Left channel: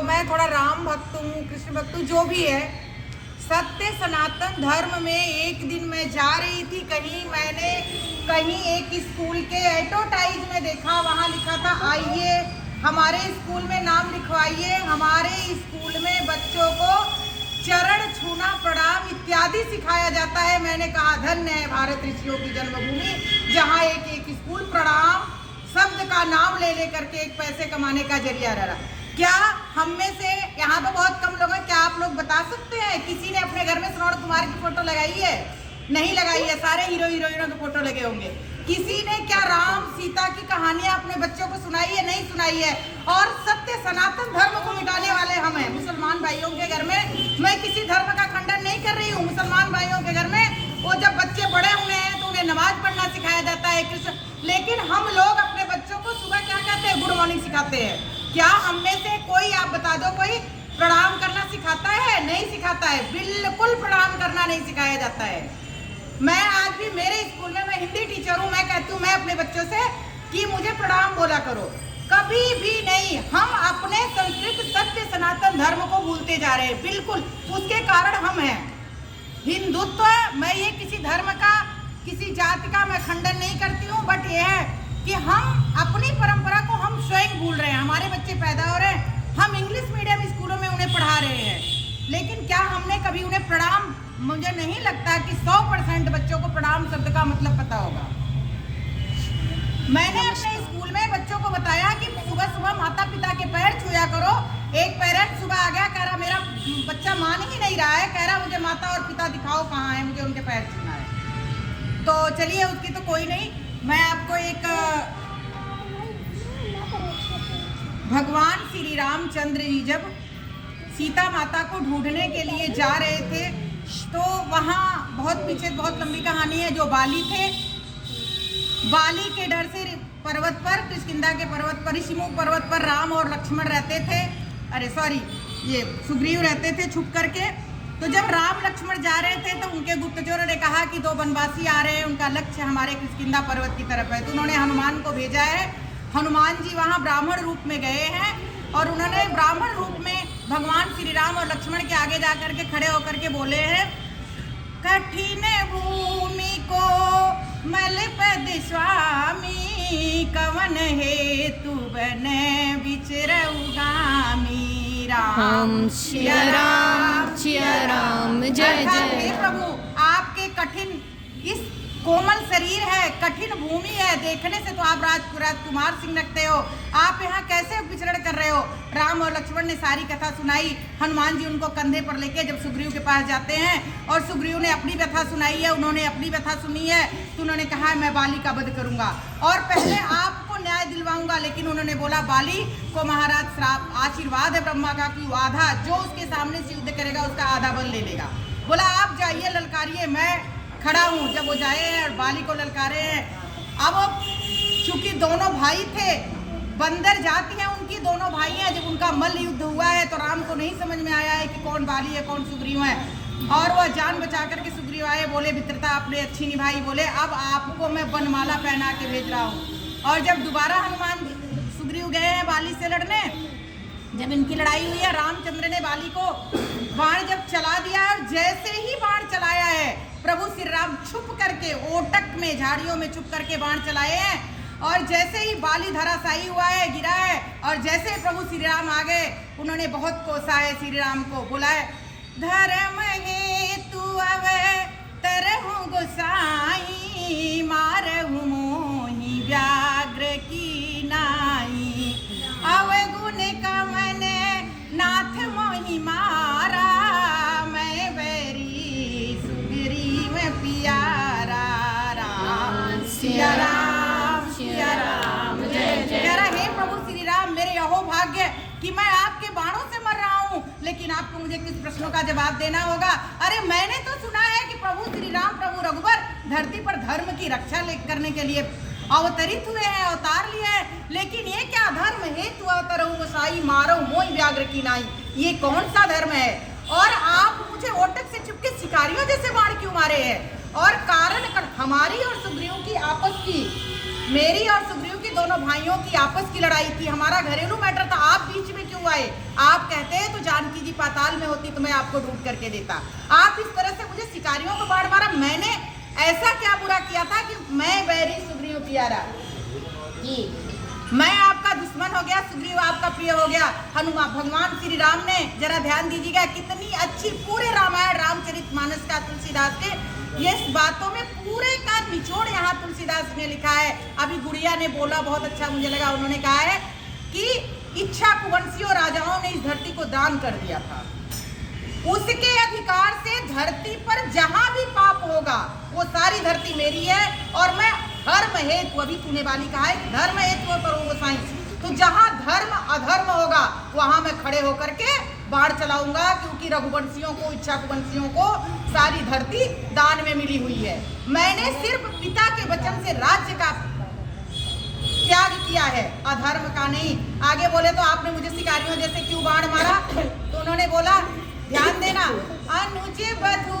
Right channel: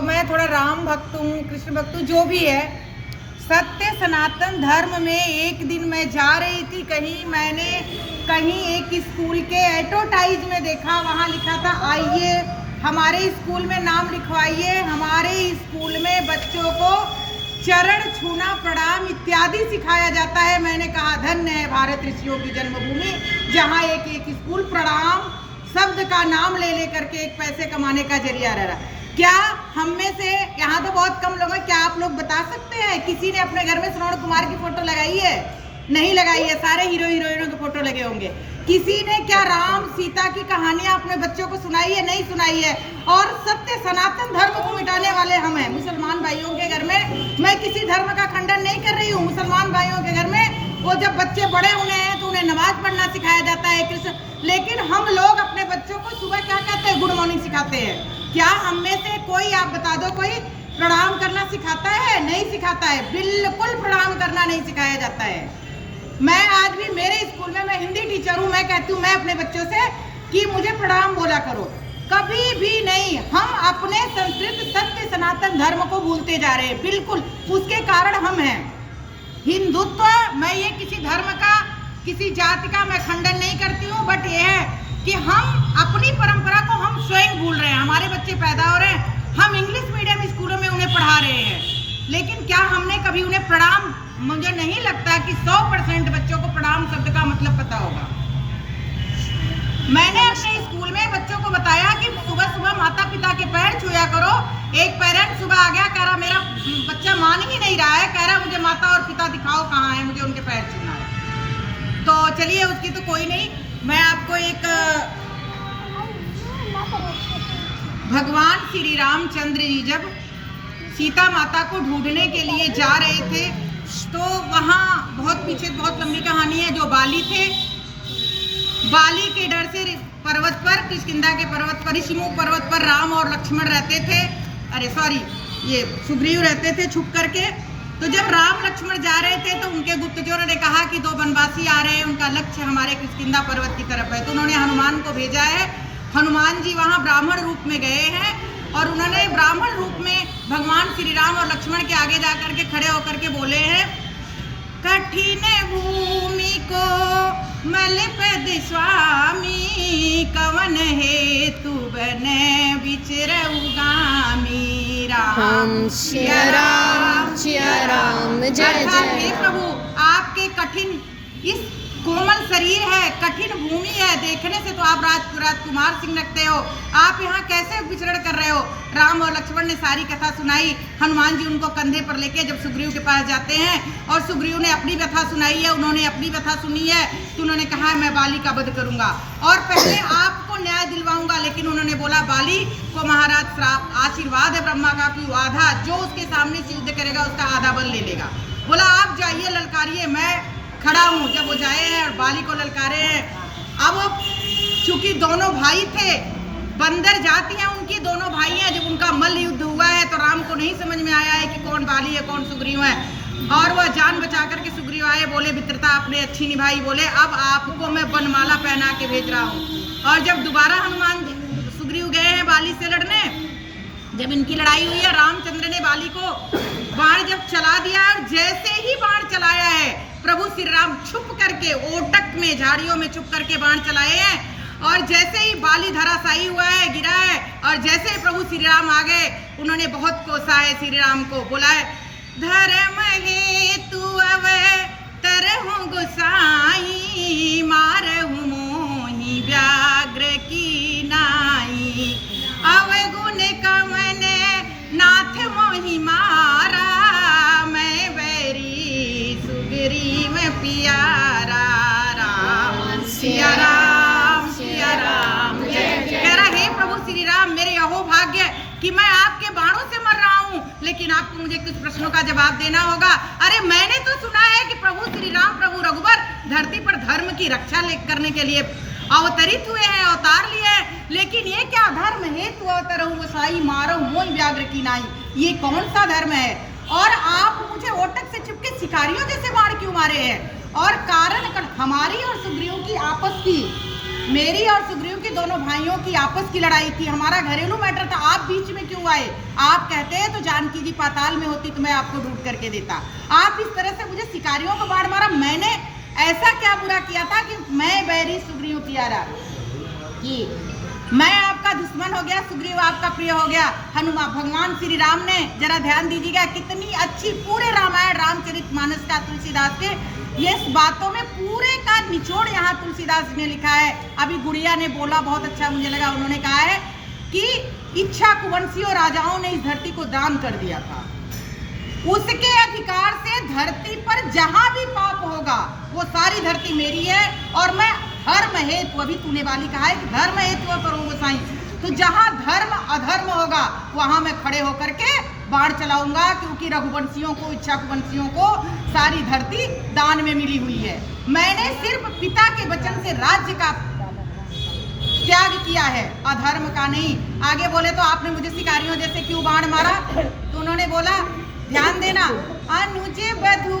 तो मैं थोड़ा राम भक्त हूँ, कृष्ण भक्त हूँ, जो भी है। सत्य सनातन धर्म में एक दिन मैं जा रही थी, मैंने कहीं एक स्कूल के एडवर्टाइज में देखा, वहाँ लिखा था आइए हमारे स्कूल में नाम लिखवाइए। हमारे स्कूल में बच्चों को चरण छूना, प्रणाम इत्यादि सिखाया जाता है। मैंने कहा धन्य है भारत ऋषियों की जन्मभूमि, जहाँ एक एक स्कूल प्रणाम शब्द का नाम ले करके एक पैसे कमाने का जरिया रहा। क्या हम में से यहाँ तो बहुत कम लोग हैं, क्या आप लोग बता सकते हैं किसी ने अपने घर में श्रवण कुमार की फोटो लगाई है? नहीं लगाई है, सारे हीरो हीरोइनों की फोटो लगे होंगे। किसी ने क्या राम सीता की कहानियां अपने बच्चों को सुनाई है? नहीं सुनाई है। और सत्य सनातन धर्म को मिटाने वाले हम हैं। मुसलमान भाइयों के घर में, मैं किसी धर्म का खंडन नहीं कर रही हूँ, मुसलमान भाइयों के घर में वो जब बच्चे बड़े होने हैं तो उन्हें नमाज पढ़ना सिखाया जाता है, कृष्ण। लेकिन हम लोग अपने बच्चों को सुबह क्या कहते हैं? गुड मॉर्निंग सिखाते हैं। क्या हम में से कोई, आप बता दो, कोई प्रणाम करना सिखाता है? नहीं सिखाता है, बिल्कुल प्रणाम करना नहीं सिखाया जाता है। मैं आज भी मेरे स्कूल में, मैं हिंदी टीचर हूँ, मैं कहती हूँ मैं अपने बच्चों से कि मुझे प्रणाम बोला करो, कभी भी नहीं। हम अपने संस्कृत सत्य सनातन धर्म को भूलते जा रहे हैं, बिल्कुल उसके कारण हम हैं। हिंदुत्व, मैं ये किसी धर्म का, किसी जाति का मैं खंडन नहीं करती हूँ, बट ये है कि हम अपनी परंपरा को हम स्वयं भूल रहे हैं। हमारे बच्चे पैदा हो रहे हैं, हम इंग्लिश मीडियम स्कूलों में उन्हें पढ़ा रहे हैं, लेकिन क्या हमने कभी उन्हें प्रणाम, मुझे नहीं लगता कि 100% बच्चों को प्रणाम शब्द का मतलब पता होगा। मैंने अपने स्कूल में बच्चों को बताया कि सुबह सुबह माता पिता के पैर छुया करो। एक पेरेंट सुबह आ गया, कह रहा मेरा बच्चा मान ही नहीं रहा है, कह रहा मुझे माता और पिता दिखाओ कहाँ है, मुझे उनके पैर छूना है। तो चलिए उसकी तो कोई नहीं, मैं आपको एक भगवान श्री रामचंद्र जी जब सीता माता को ढूंढने के लिए जा रहे थे, तो वहाँ बहुत पीछे बहुत लंबी कहानी है। जो बाली थे, बाली के डर से पर्वत पर, किष्किंधा के पर्वत पर, ऋषिमुख पर्वत पर राम और लक्ष्मण रहते थे, ये सुग्रीव रहते थे छुप करके। तो जब राम लक्ष्मण जा रहे थे तो उनके गुप्तचरों ने कहा कि 2 वनवासी आ रहे हैं, उनका लक्ष्य हमारे किष्किंधा पर्वत की तरफ है। तो उन्होंने हनुमान को भेजा है। हनुमान जी वहाँ ब्राह्मण रूप में गए हैं और उन्होंने ब्राह्मण रूप में भगवान श्री राम और लक्ष्मण के आगे जाकर के खड़े होकर के बोले हैं, कठिन भूमि को मल पद स्वामी, कवन हेतु बने विचरउगामी। राम सिया राम जय जय। प्रभु आपके कठिन, इस कोमल शरीर है, कठिन भूमि है, देखने से तो आप राजकुमार सिंह लगते हो, आप यहाँ कैसे विचरण कर रहे हो? राम और लक्ष्मण ने सारी कथा सुनाई। हनुमान जी उनको कंधे पर लेके जब सुग्रीव के पास जाते हैं और सुग्रीव ने अपनी व्यथा सुनाई है, उन्होंने अपनी व्यथा सुनी है, तो उन्होंने कहा मैं बाली का वध करूंगा और पहले आपको न्याय दिलवाऊंगा। लेकिन उन्होंने बोला बाली को महाराज श्राप, आशीर्वाद है ब्रह्मा का कि आधा, जो उसके सामने से युद्ध करेगा उसका आधा बल ले लेगा। बोला आप जाइए ललकारिए, मैं खड़ा हूँ। जब वो जाए हैं और बाली को ललकारे हैं, अब चूंकि दोनों भाई थे, बंदर जाति हैं उनकी, दोनों भाई हैं, जब उनका मल्ल युद्ध हुआ है तो राम को नहीं समझ में आया है कि कौन बाली है कौन सुग्रीव है, और वह जान बचा करके सुग्रीव आए, बोले मित्रता आपने अच्छी निभाई, बोले अब आपको मैं वनमाला पहना के भेज रहा हूँ। और जब दोबारा हनुमान सुग्रीव गए हैं बाली से लड़ने, जब इनकी लड़ाई हुई है, रामचंद्र ने बाली को बाण जब चला दिया और जैसे ही बाण चलाया है, प्रभु श्री राम छुप करके ओटक में, झाड़ियों में छुप करके बाण चलाए हैं, और जैसे ही बाली धराशायी हुआ है, गिरा है, और जैसे ही प्रभु श्री राम आ गए, उन्होंने बहुत कोसा है श्री राम को, बोला है धर्म हेतु अवतरहु गोसाई, मारहु मोहि व्याघ्र की नाई, अवगुण कमन नाथ मोहि मारा, मैं बैरी सुग्रीव प्यारा। राम सिया राम जय जय। कह रहा हे प्रभु श्री राम, मेरे अहो भाग्य कि मैं आपके बाणों से मर रहा हूँ, लेकिन आपको मुझे कुछ प्रश्नों का जवाब देना होगा। अरे मैंने तो सुना है कि प्रभु श्री राम, प्रभु रघुवर धरती पर धर्म की रक्षा करने के लिए अवतरित हुए हैं, अवतार लिए हैं, लेकिन ये क्या धर्म हेतु अवतरहु गोसाई, मारहु मोहि व्याघ्र की नाई, ये कौन सा धर्म है? और आप मुझे ओटक से चुपके शिकारियों जैसे बाण क्यों मारे हैं? और कारण हमारी और सुग्रीव की आपस की, मेरी और सुग्रीव की दोनों भाइयों की आपस की लड़ाई थी, हमारा घरेलू मैटर था, आप बीच में क्यों तू आए। आप कहते तो जानकी जी पाताल में होती तो मैं आपको ढूंढ करके देता। आप इस तरह से मुझे शिकारियों को बाढ़ मारा। मैंने ऐसा क्या बुरा किया था कि मैं बैरी सुग्रीव प्यारा कि मैं आपका दुश्मन हो गया, सुग्रीव आपका प्रिय हो गया। हनुमान भगवान श्री राम ने, जरा ध्यान दीजिएगा, कितनी अच्छी पूरे रामायण रामचरितमानस का तुलसीदास के ये बातों में पूरे का निचोड़ यहाँ तुलसीदास ने लिखा है। अभी गुड़िया ने बोला, बहुत अच्छा मुझे लगा, उन्होंने कहा है कि इच्छा कुवंशियों राजाओं ने इस धरती को दान कर दिया था। उसके अधिकार से धरती पर जहां भी पाप होगा वो सारी धरती मेरी है और मैं धर्म हेतु, अभी तूने वाली कहा है कि धर्म हेतु करो गोसाई, तो जहां धर्म अधर्म होगा वहां मैं खड़े होकर के बाढ़ चलाऊंगा, क्योंकि रघुवंशियों को, इच्छा कुवंशियों को सारी धरती दान में मिली हुई है। मैंने सिर्फ पिता के वचन से राज्य का त्याग किया है, अधर्म का नहीं। आगे बोले तो आपने मुझे शिकारियों जैसे क्यों बाण मारा, तो उन्होंने बोला, ध्यान देना, अनुज बधू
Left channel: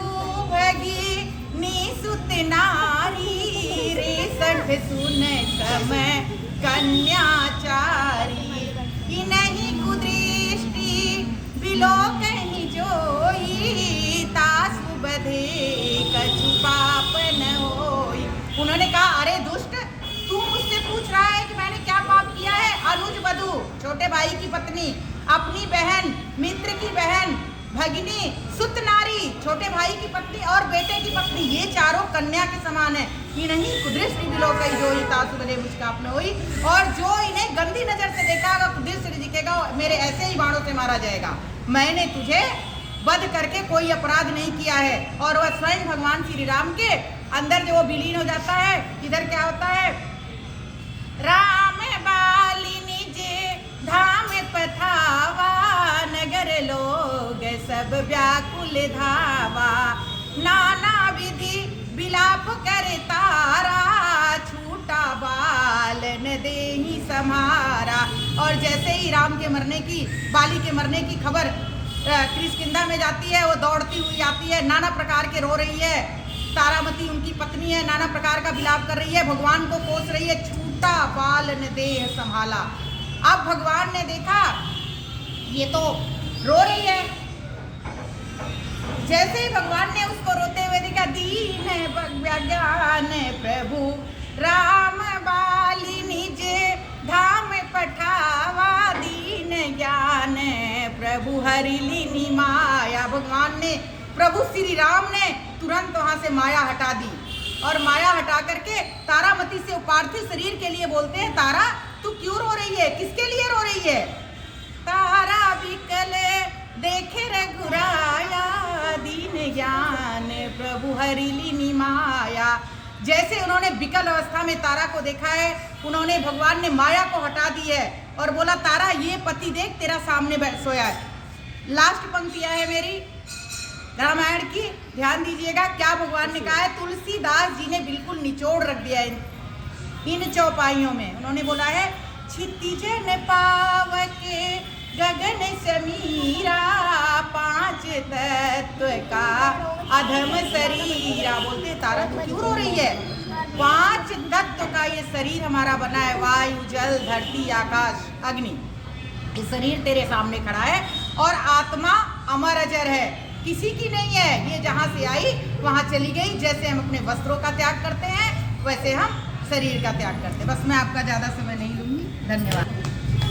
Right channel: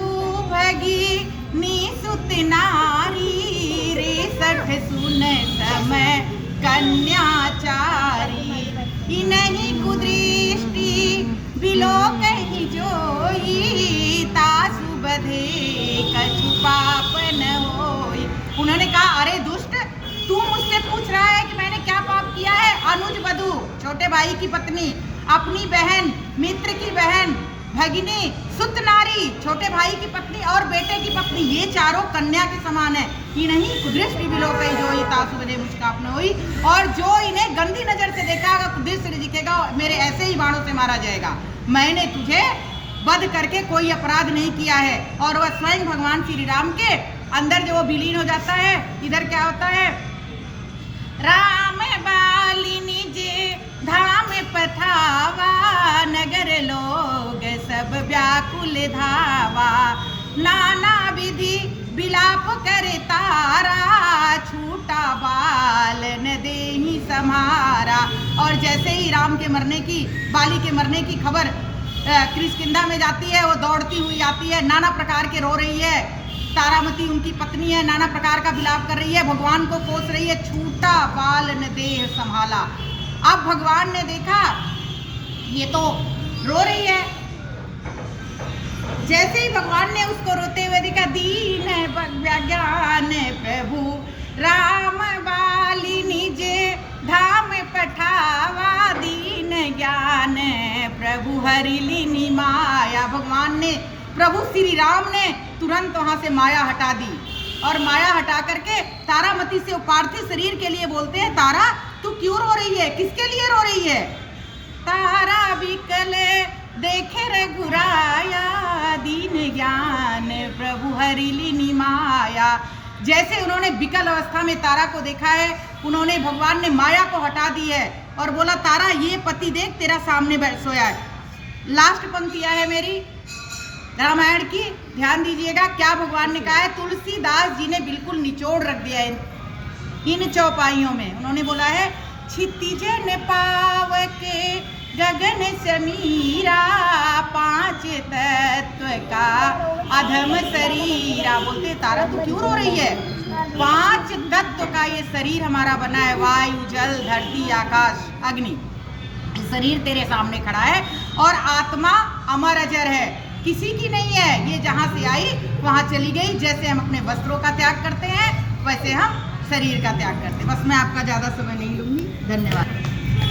भगी निसुत नारी रे सठ सुन समय कन्याचारी, इन्हीं कुदृष्टि बिलो कहीं जोई तासु बधे कछु पाप न होई। उन्होंने कहा, अरे दुष्ट, तू मुझसे पूछ रहा है कि मैंने क्या पाप किया है? अनुज बधू, छोटे भाई की पत्नी, अपनी बहन, मित्र की बहन, भगिनी, सुत नारी, छोटे भाई की पत्नी और बेटे की पत्नी, ये चारों कन्या के समान है। इन्हीं कुदृष्टि बिलोकई जोई तासु बधे मुझकाप न होई, और जो इन्हें गंदी नजर से देखा होगा, कुदृष्टि दिखेगा, मेरे ऐसे ही बाणों से मारा जाएगा। मैंने तुझे वध करके कोई अपराध नहीं किया है। और वह स्वयं भगवान श्री राम के अंदर जो विलीन हो जाता है। इधर क्या होता है, राम बालिनी जे धाम पठावा, नगर लोग सब व्याकुल धावा, नाना विधि विलाप करे तारा, छूटा बाल न देहि समारा। और जैसे ही राम के मरने की, बाली के मरने की खबर किष्किंधा में जाती है, वो दौड़ती हुई आती है, नाना प्रकार के रो रही है। तारामती उनकी पत्नी है, नाना प्रकार का विलाप कर रही है, भगवान को कोस रही है, छूटा बाल न देह संभाला। अब भगवान ने देखा ये तो रो रही है, जैसे ही भगवान ने उसको रोते हुए देखा, दीन ज्ञान प्रभु राम बालिनी जे धाम पठावा, दीन ज्ञान प्रभु हरिलिनी माया। भगवान ने, प्रभु श्री राम ने तुरंत वहां से माया हटा दी, और माया हटा करके तारामती से पार्थिव शरीर के लिए बोलते हैं, तारा तू क्यों रो रही है, किसके लिए रो रही है? तारा विकल देखे रघुराया, दीन ज्ञान प्रभु हरिलिनी माया। जैसे उन्होंने विकल अवस्था में तारा को देखा है, उन्होंने, भगवान ने माया को हटा दी है और बोला, तारा ये पति देख तेरा सामने बैठ सोया है। लास्ट पंक्तियां है मेरी रामायण की, ध्यान दीजिएगा क्या भगवान ने कहा है। तुलसीदास जी ने बिल्कुल निचोड़ रख दिया है इन चौपाइयों में। उन्होंने बोला है, क्षितिज न पाव के गगन समीरा, पांच तत्व का अधम शरीरा। बोलते, तारा तू क्यों रो रही है? पांच तत्व का ये शरीर हमारा बना है, वायु, जल, धरती, आकाश, अग्नि। ये शरीर तेरे सामने खड़ा है और आत्मा अमर अजर है, किसी की नहीं है। ये जहाँ से आई वहाँ चली गई। जैसे हम अपने वस्त्रों का त्याग करते हैं, वैसे हम शरीर का त्याग करते हैं। बस मैं आपका ज़्यादा समय नहीं लूँगी। धन्यवाद।